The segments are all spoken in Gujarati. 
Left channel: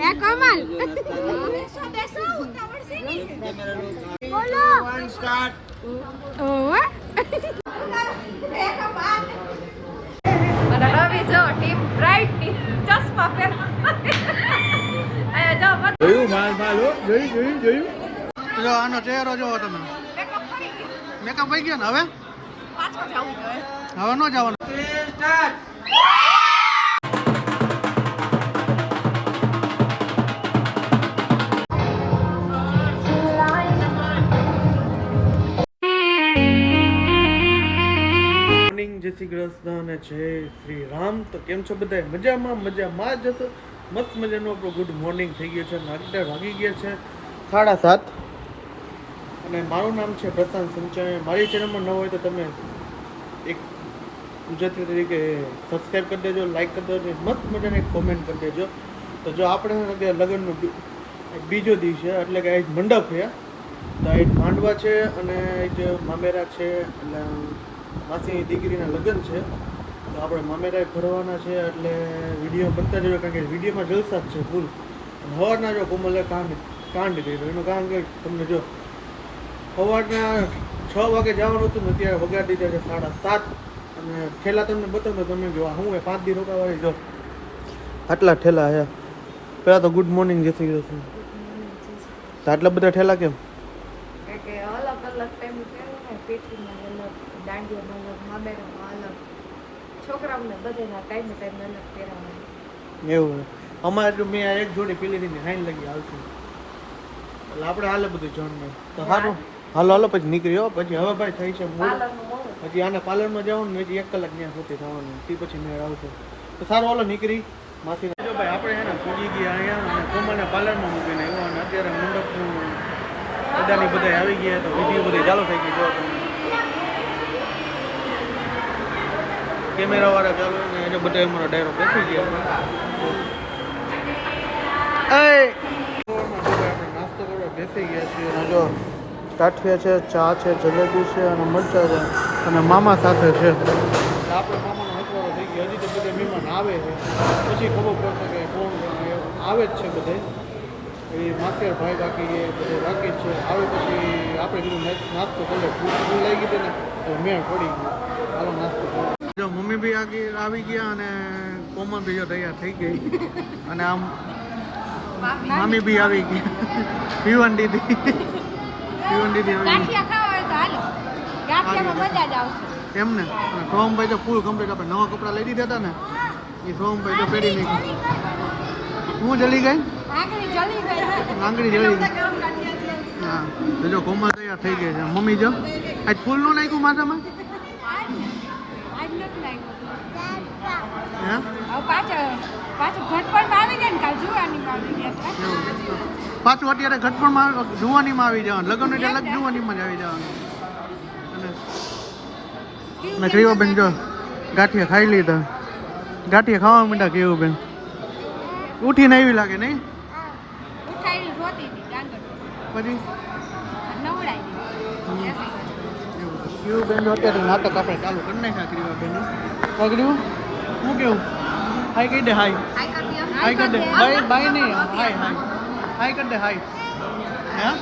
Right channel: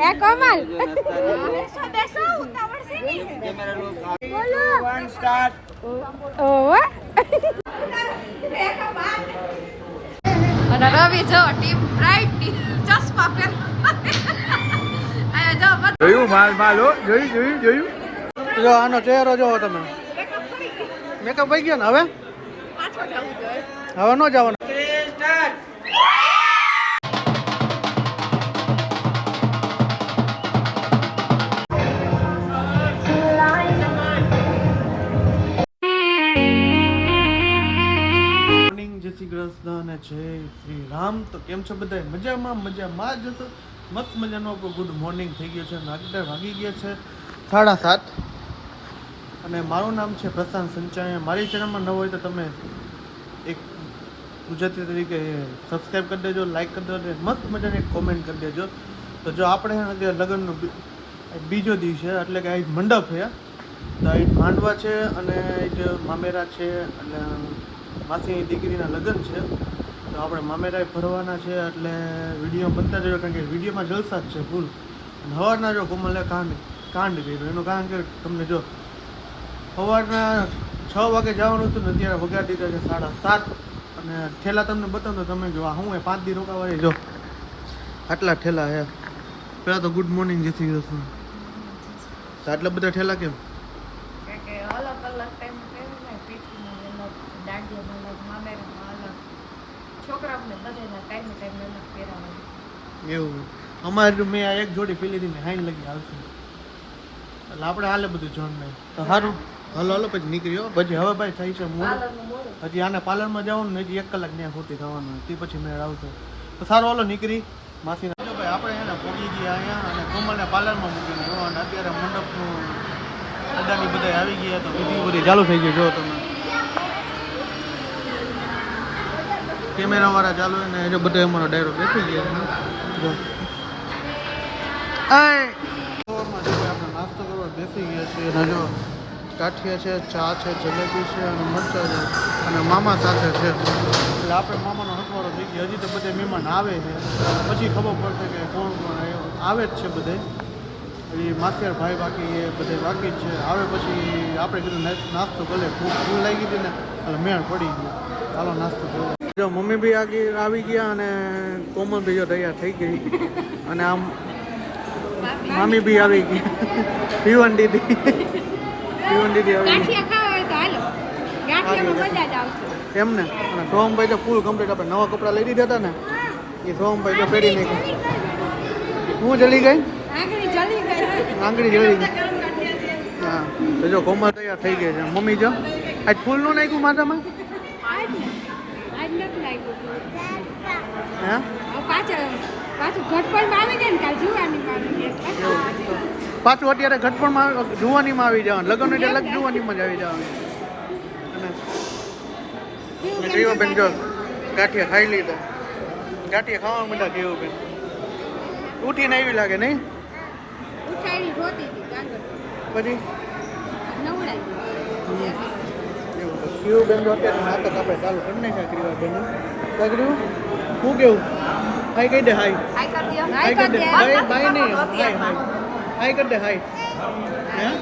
એ કોમલ બોલો 1 સ્ટાર્ટ ઓવા અને રવિ જો ટીમ બ્રાઇટ ની ચશ્મા પહેર આયો જો જોયું માલ હો જોયું જો આનો ચહેરો જોવો તમે મેકઅપ થઈ ગયો ને હવે પાછો જાવું જોઈએ હવે નો જવાનું જય શ્રી કૃષ્ણ અને જય શ્રી રામ. તો કેમ છો બધા? મજામાં જશો. મસ્ત મજાનો આપણો ગુડ મોર્નિંગ થઈ ગયો છે અને 11 વાગી ગયા છે 7:30 અને મારું નામ છે પ્રશાંત સંચાણી. મારી ચેનલમાં ન હોય તો તમે એક ગુજરાતી તરીકે સબસ્ક્રાઈબ કરી દેજો, લાઈક કરી દેજો, મસ્ત મજાની કોમેન્ટ કરી દેજો. તો જો આપણે લગ્નનો બીજો દિવસ છે એટલે કે આ મંડપ છે, એક માંડવા છે અને એક મામેરા છે અને માસીની દીકરીના લગ્ન છે. તો આપણે મામેરા ભરવાના છે એટલે વિડીયો બનતા રહ્યો, કારણ કે વિડીયોમાં જલસા જ છે ફૂલ. અને સવારના જો કોમલે કાંડ કર્યો એનું કારણ કે તમને જો સવારના 6 વાગે જવાનું હતું ને અત્યારે વગાડી દીધા છે 7:30 અને ઠેલા તમને બતાવું તો તમે જો હું 5 દી રોકાવા જો આટલા ઠેલા છે. પહેલાં તો ગુડ મોર્નિંગ જય શ્રી કૃષ્ણ. તો આટલા બધા ઠેલા કેમ? એવું અમારે જો મેં એક જોડી પીલી હતી હાઈન લગી આવશે એટલે આપણે હાલે બધું જોન નહીં તો સારું. હાલો પછી નીકળ્યો પછી હવે ભાઈ થાય છે મૂળ પછી આને પાર્લરમાં જવાનું ને 1 કલાક ત્યાં સુધી થવાનું તે પછી મેં આવશે તો સારું હાલો નીકળી માસીને જો ભાઈ આપણે છે ને પૂજી ગયા અહીંયા અને કોમલને પાર્લરમાં મૂકીને આવ્યો અને અત્યારે મંડપનું અડાની બધા આવી ગયા તો વિડીયો બધી ચાલુ થઈ ગઈ. જો તમે કેમેરા વાળા ચાલુ ને જો બધા અમારો ડાયરો બેઠી ગયા જો આપણે નાસ્તો કરવા બેસી ગયા છીએ. જો કાઠિયા છે, ચા છે, જલેબી છે અને મરચા છે અને મામા સાથે છે. આપણે મામાનો હકવારો થઈ ગયો. હજી તો બધા મહેમાન આવે છે પછી ખબર પડશે કે કોણ આવે જ છે બધે. એ માસિયાર ભાઈ બાકી એ બધે બાકી છે આવે પછી આપણે કીધું નાસ્તો કરીએ. ફૂલ લાગી હતી ને એટલે મેળ પડી ગયો. ચાલો નાસ્તો કરો. જો મમ્મી બી આવી ગયા અને કોમલ બી જો તૈયાર થઈ ગઈ અને આમ મામી બી આવી ગઈ. પીવન દીદી આવી ગઈ એમ ને. અને સોમભાઈ તો ફૂલ કમ્પ્લીટ આપણે નવા કપડાં લઈ દીધા હતા ને એ સોમભાઈ તો પહેરી નહીં ગઈ. હું જલી ગઈ આંગળી જલી ગઈ. હા તો જો કોમલ તૈયાર થઈ ગઈ છે. મમ્મી જો આજ ફૂલ નું નાખ્યું માથામાં પાછું અત્યારે ઘટપણમાં જુવાનીમાં આવી જવાનું. લગ્ન એટલે લગ જુવાનીમાં જ આવી જવાનું. અને કેવું બેન જો ગાંઠિયા ખાઈ લીધા. ગાંઠિયા ખાવા માંડ્યા કેવું બેન ઉઠીને એવી લાગે નહીં પછી કેવું બેન જો અત્યારે નાટક આપણે ચાલુ કરી નાખ્યા કેવા બેન પગડ્યું શું કેવું હાઈ કરી દે હાઈ કરી દે બાય નહીં હાઈ કરી દે હાઈ. હા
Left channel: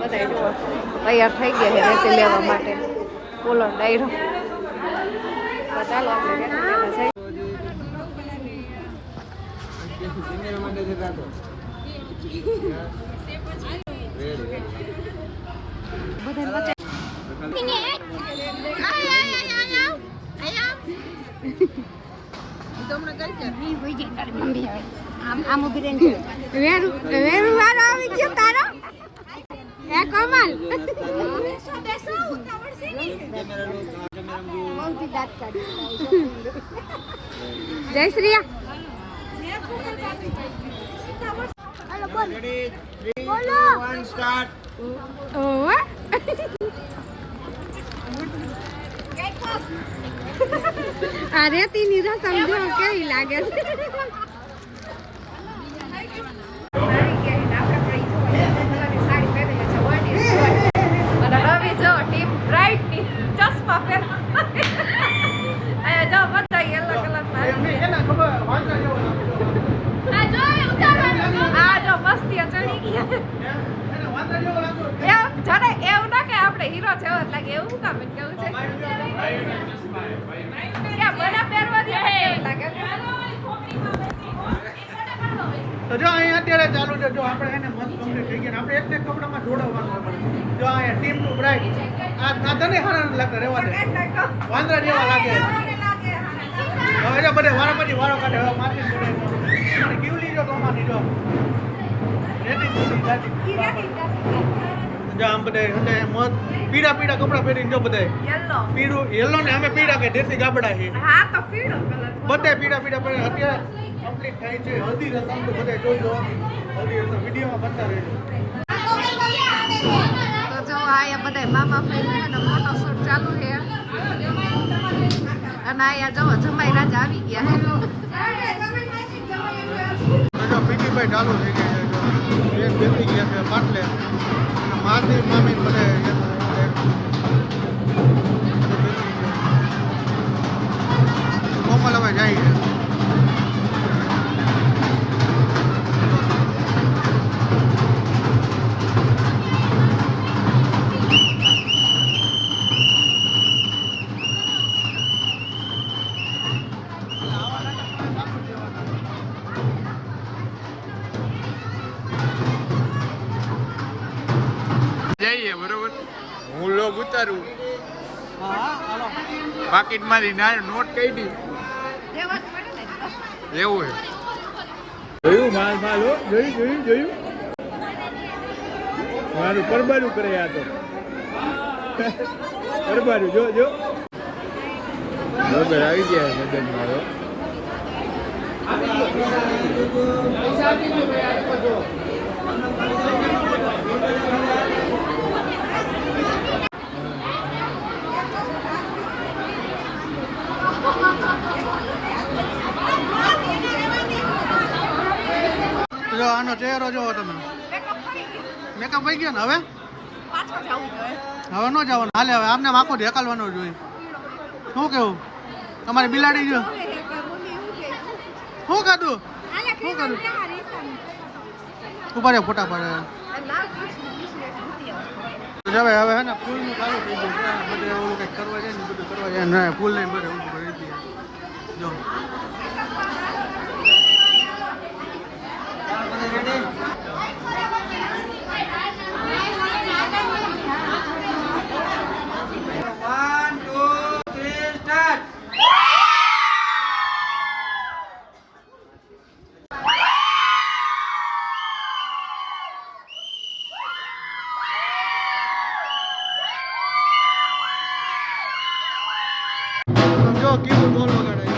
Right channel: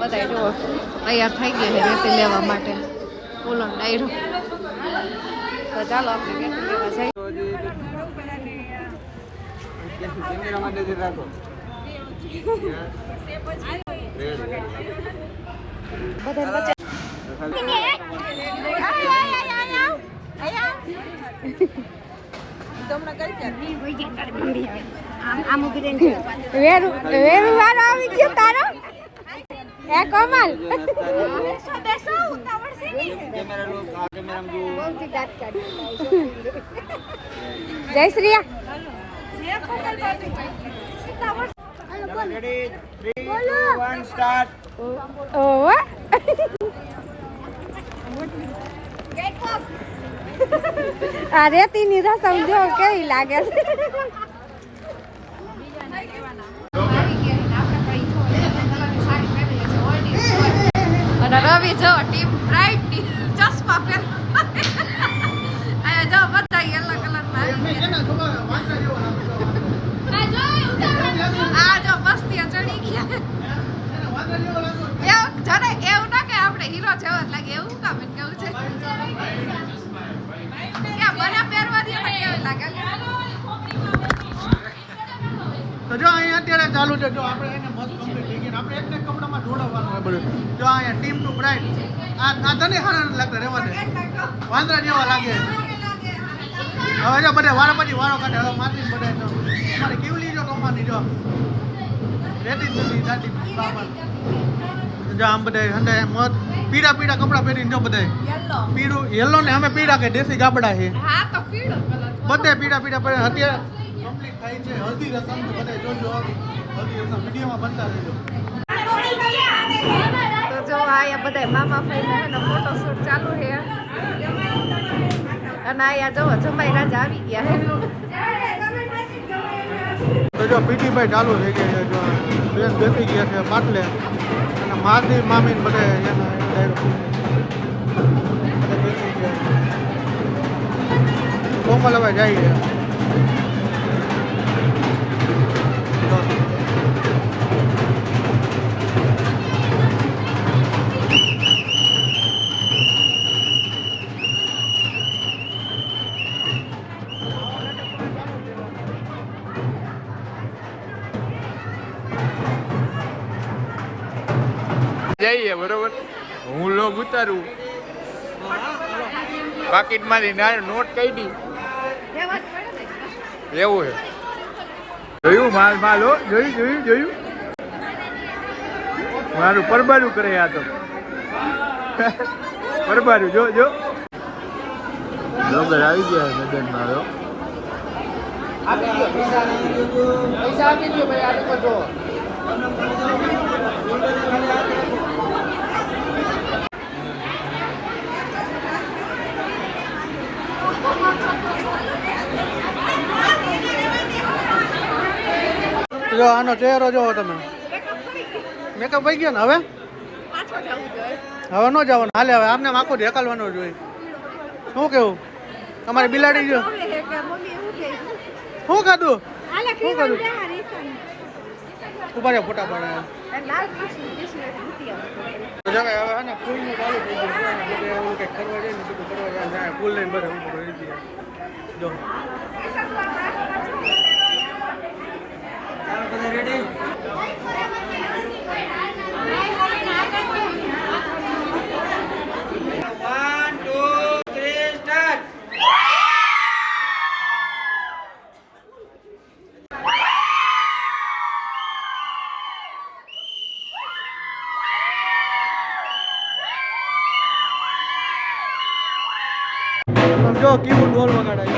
બધા તૈયાર થઈ ગયા છે રેતી લેવા માટે. બોલો ડાયરો ચાલો આપણે રેતી લેવા જઈએ. બધા વચ્ચે વેરુ વાળો આવી ગયો તારો એ કોમલ જય શ્રી બોલો 1 સ્ટાર્ટ ઓવા આ રેતીની રસમ જો કેવી લાગે છે. અને રવિ જો જો ટીમ બ્રાઇટ ટીમ ચશ્મા પહેર અહીંયા જો બધા યલો કલરમાં આવી ગયા આ જો મસ્તી ચડી ગયા એવું જરે એવું ના કે આપણે હીરો જેવો જ લાગે એવું કામ કેવું છે કે મને પહેરવાથી પણ કેવું લાગે તો જો અહીંયા અત્યારે ચાલુ છે જો આપણે એને મસ્ત કમ્પ્લીટ થઈ ગયા આપણે એક કપડામાં જોડાવવાનું બધું જો અહીંયા ટીમ ટુ બ્રાઇટ આ તને હારા લાગે રહેવા દે વાંદરા જેવા લાગે હવે જો બધે વારા પછી વારો કાઢે હવે મારી બધે મારી કેવલી જો તમારી જો રેતી નથી દાટી બરાબર જો આમ બધે હંડે મત પીડા પીડા કપડા પહેરીને જો બધે યલો પીળું યલો ને અમે પીડા કે દેશી ગાબડા છે હા તો પીળો કલર બધે પીડા પીડા પડે અત્યારે કમ્પ્લીટ થાય છે હલ્દી રસમ તો બધે જોજો હલ્દી રસમ વિડીયોમાં બનતા રહેજો તો જો આયા બધા મામા ફઈને એનો ફોટોશૂટ ચાલુ છે અને આયા જો જમાઈ રાજા આવી ગયા હે તો જો પીટીભાઈ ચાલુ થઈ ગયા છે જો બેસી ગયા છે માટલે અને માસી મામી બધે બેસી ગયા કોમલ હવે જાય છે જઈએ બરોબર હું લોગ ઉતારું પાકીટમાંથી નોટ કાઢી એવું છે જોયું માલ હો જોયું મારું પરબારું કરે આ તો પરબારું જો બરોબર આવી ગયા મેદાનમાં જો આનો ચહેરો જોવો તમે મેકઅપ થઈ ગયો ને હવે હવે ન જવાનું હાલે હવે આમને આખો ઢેકાલવાનો જોઈએ શું કેવું તમારી બિલાડી જો શું ખાધું શું કરું ઉભા ફોટા પાડે હવે હે ને ફૂલનું ચાલુ થઈ ગયું બધે એવું કંઈક કરવા જાય ને બધું કરવા જાય ને ફૂલ લઈને બધે ઊભું કરી ગયા જો જો કીબોર્ડ બોલ વગાડાય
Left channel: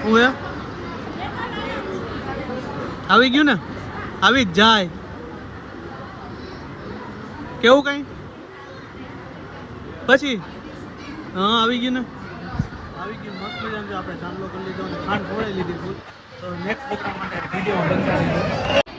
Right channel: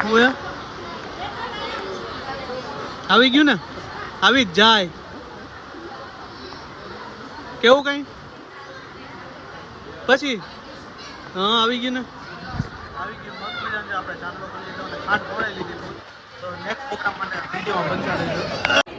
હું હે આવી ગયું ને આવી જ જાય કેવું કઈ પછી હા આવી ગયું ને આવી ગયું મસ્ત મજાનું આપણે ચાંદલો કરી લીધો અને ખાંડ ફોડાઈ લીધી હતી તો નેક્સ્ટ પ્રોગ્રામ માટે વિડીયો બનાવી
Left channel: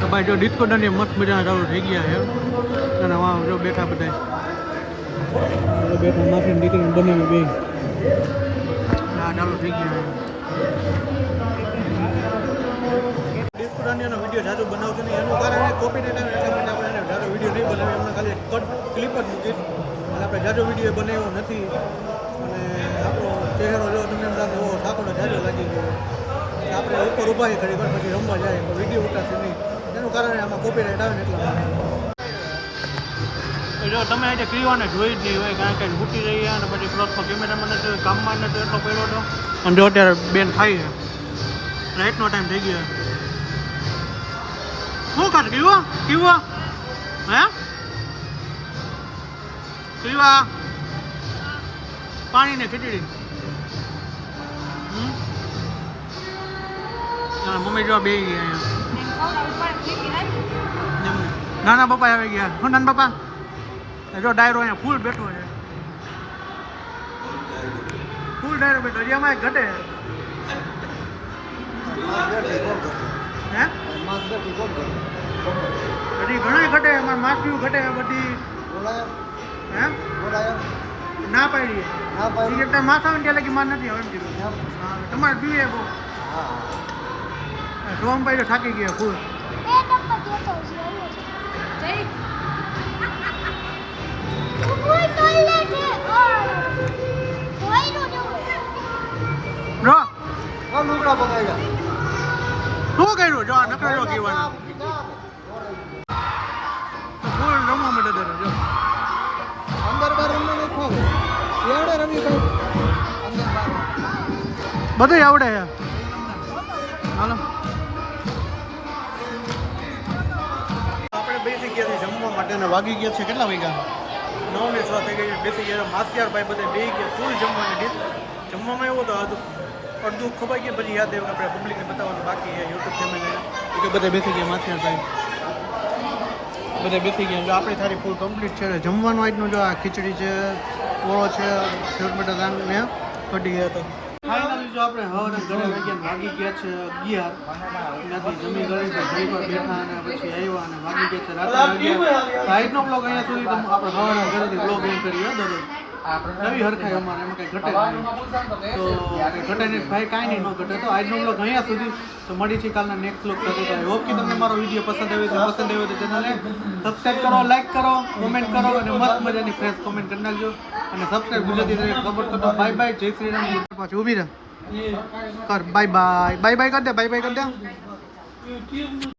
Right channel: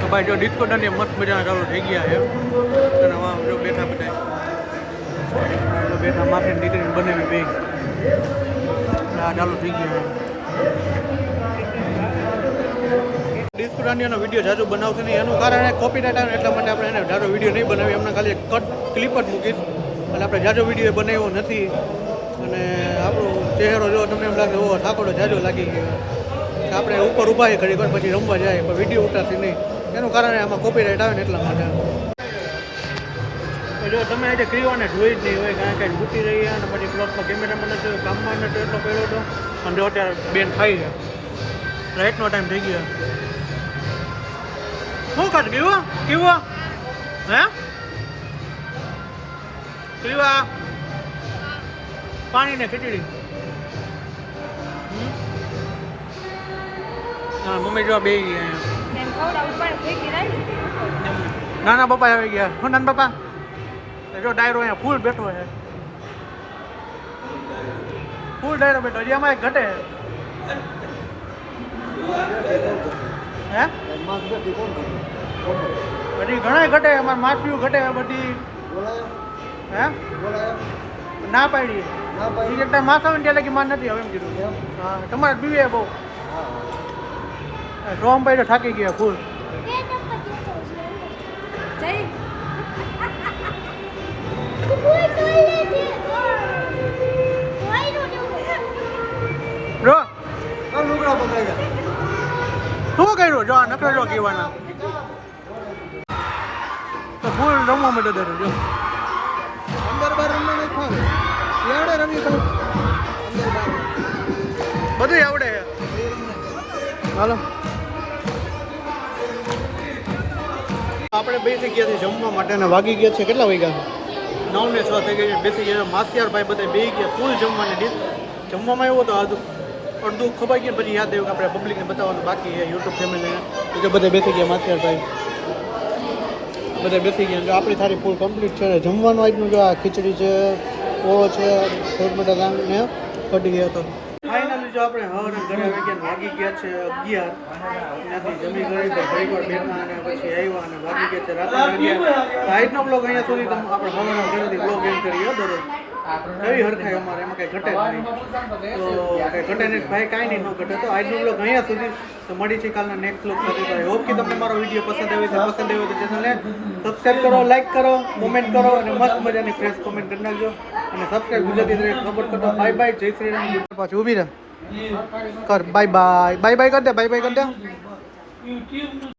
તો ભાઈ જો ડિસ્કો દાંડિયા મસ્ત મજાના ચાલુ થઈ ગયા છે અને આમાં જો બેઠા બધા બેઠા માથે દીકરીને બનાવી બે આ ચાલુ થઈ ગયા છે ડિસ્કો દાંડિયાનો વિડીયો જાજુ બનાવશે નહીં એનું કારણ કોપીરાઇટ આવે એટલા માટે આપણે એને જાજો વિડીયો નહીં બનાવીએ એમને ખાલી કટ ક્લિપ જ મૂકીશ એટલે આપણે જાજો વિડીયો બનાવ્યો નથી અને આપણો ચહેરો જો તમને એમ લાગે એવો ઠાકોરો જાજો લાગી ગયો આપણે ઉપર ઊભા ઘડી વાર પછી રમવા જાય પણ વિડીયો ઉતારશે નહીં એનું કારણ આમાં કોપીરાઇટ આવે ને એટલા માટે જો તમે આજે ક્રીવાને જોઈ જ નહીં હોય કારણ કે બૂટી રહી અને પછી પ્લસમાં કેમેરામાં નથી કામમાં નથી એટલો કર્યો હતો અને જો અત્યારે બેન થાય છે રાઈટનો ટાઈમ થઈ ગયો શું ખાત કેવું કેવું હે ક્રીવા પાણી ને ખીચડી મમ્મી જો બે અહીંયા નાના પપ્પા આવી ગયા હું નાના પપ્પા જો ડાયરો અહીંયા ફૂલ બેઠો છે ફૂલ ડાયરો બેઠો હજી આમાં ઘટે હે બધી ઘણા ઘટે અમારે માછલીઓ ઘટે બધી હે ના પાડી સિગરેટ માથા ત્યાં લગી માર નથી હવે એમ કીધું હા તમારે પીવે બહુ ડ્રોમ પાડ્યો થાકી ગયા ફૂલ બ્રો શું કર્યું જો નકરા જો કહેવાના તો ફૂલ રમવા માટે દે જો બધું આવડે છે હાલો આપણે બેસી ગયા છે જમવા માટે ને વાગી ગયા છે કેટલા વાગ્યા 9 ને 6 થઈ ગયા છે બેસી ગયા માસિયાર ભાઈ બધા બે ગયા ફૂલ જમવાની ડીશ જમવામાં આવ્યો તો અડધું ખવાઈ ગયું પછી યાદ આવ્યું કે આપણે પબ્લિકને બતાવવાનું બાકી છે યુટ્યુબ ફેમિલીને બીજો બધા બેસી ગયા માસિયાર ભાઈ બધા બેસી ગયા જો આપણી થાળી ફૂલ કમ્પ્લીટ છે જમવાનું આજનું જો આ ખીચડી છે ઓળો છે સેવટ બટાકા ને કઢી ગયા તો ફાઇનલી જો આપણે હવારે ઘરે આવી ગયા વાગી ગયા છે 11 ત્યાંથી જમી ગઈ તો ઘણી વાર બેઠા અને પછી આવ્યા અને વાગી ગયા છે રાત્રે 11 આજનો બ્લોગ અહીંયા સુધી આપણે સવારના ઘરેથી બ્લોગ એન્ડ કરીએ દરરોજ કઈ હરખાય અમારે એમાં કંઈ ઘટે નહીં તો કંઈ ઘટે નહીં ભાઈ કાંઈ નહીં ન ઘટે તો આજનો બ્લોગ અહીંયા સુધી તો મળી છે કાલના નેક્સ્ટ બ્લોગ સાથે તો હોપ કે તમને મારો વિડીયો પસંદ આવ્યો છે ચેનલને સબસ્ક્રાઈબ કરો લાઈક કરો કોમેન્ટ કરો અને મસ્ત મજાની ફ્રેશ કોમેન્ટ કરી નાખજો અને સબસ્ક્રાઈબ ગુજરાતી ખબર કરો બાય બાય જય શ્રી રામ પાછું ઊભી રહે કર બાય બાય બાય બાય કરી દે બાય બાય કરી દે